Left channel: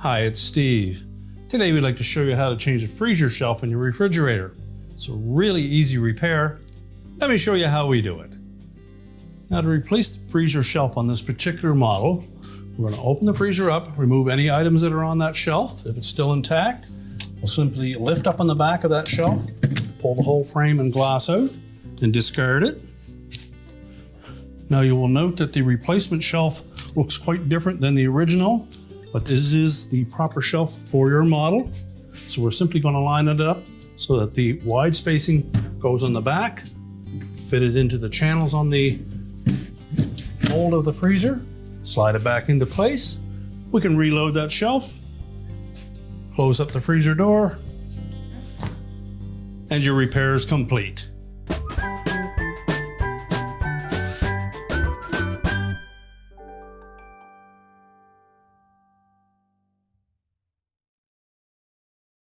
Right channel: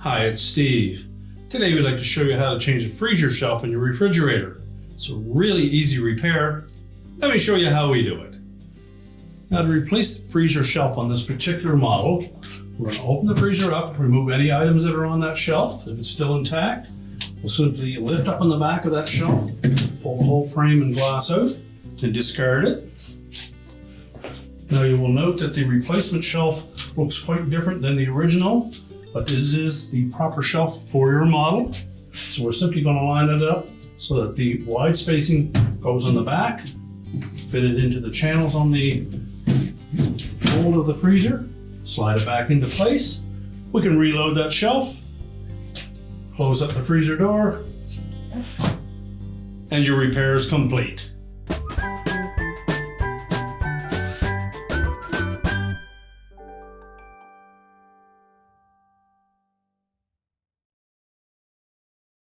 Hi, it's Steve. Today we'd like to show you how to change the freezer shelf in your refrigerator. It's a really easy repair. Let me show you how we do it. Now, to replace the freezer shelf on this particular model, we're going to open the freezer up, remove any items that are on that shelf. If it's still intact, we'll simply lift up on the back of that shelf, pull the whole frame and glass out, and discard it. Now you will note that the replacement shelf looks quite different than the original, but this is the proper shelf for your model. So we're simply going to line it up so that the wide spacing goes on the back, fit it into the channels on the mold of the freezer, slide it back into place. We can reload that shelf, close up the freezer door, and your repair is complete.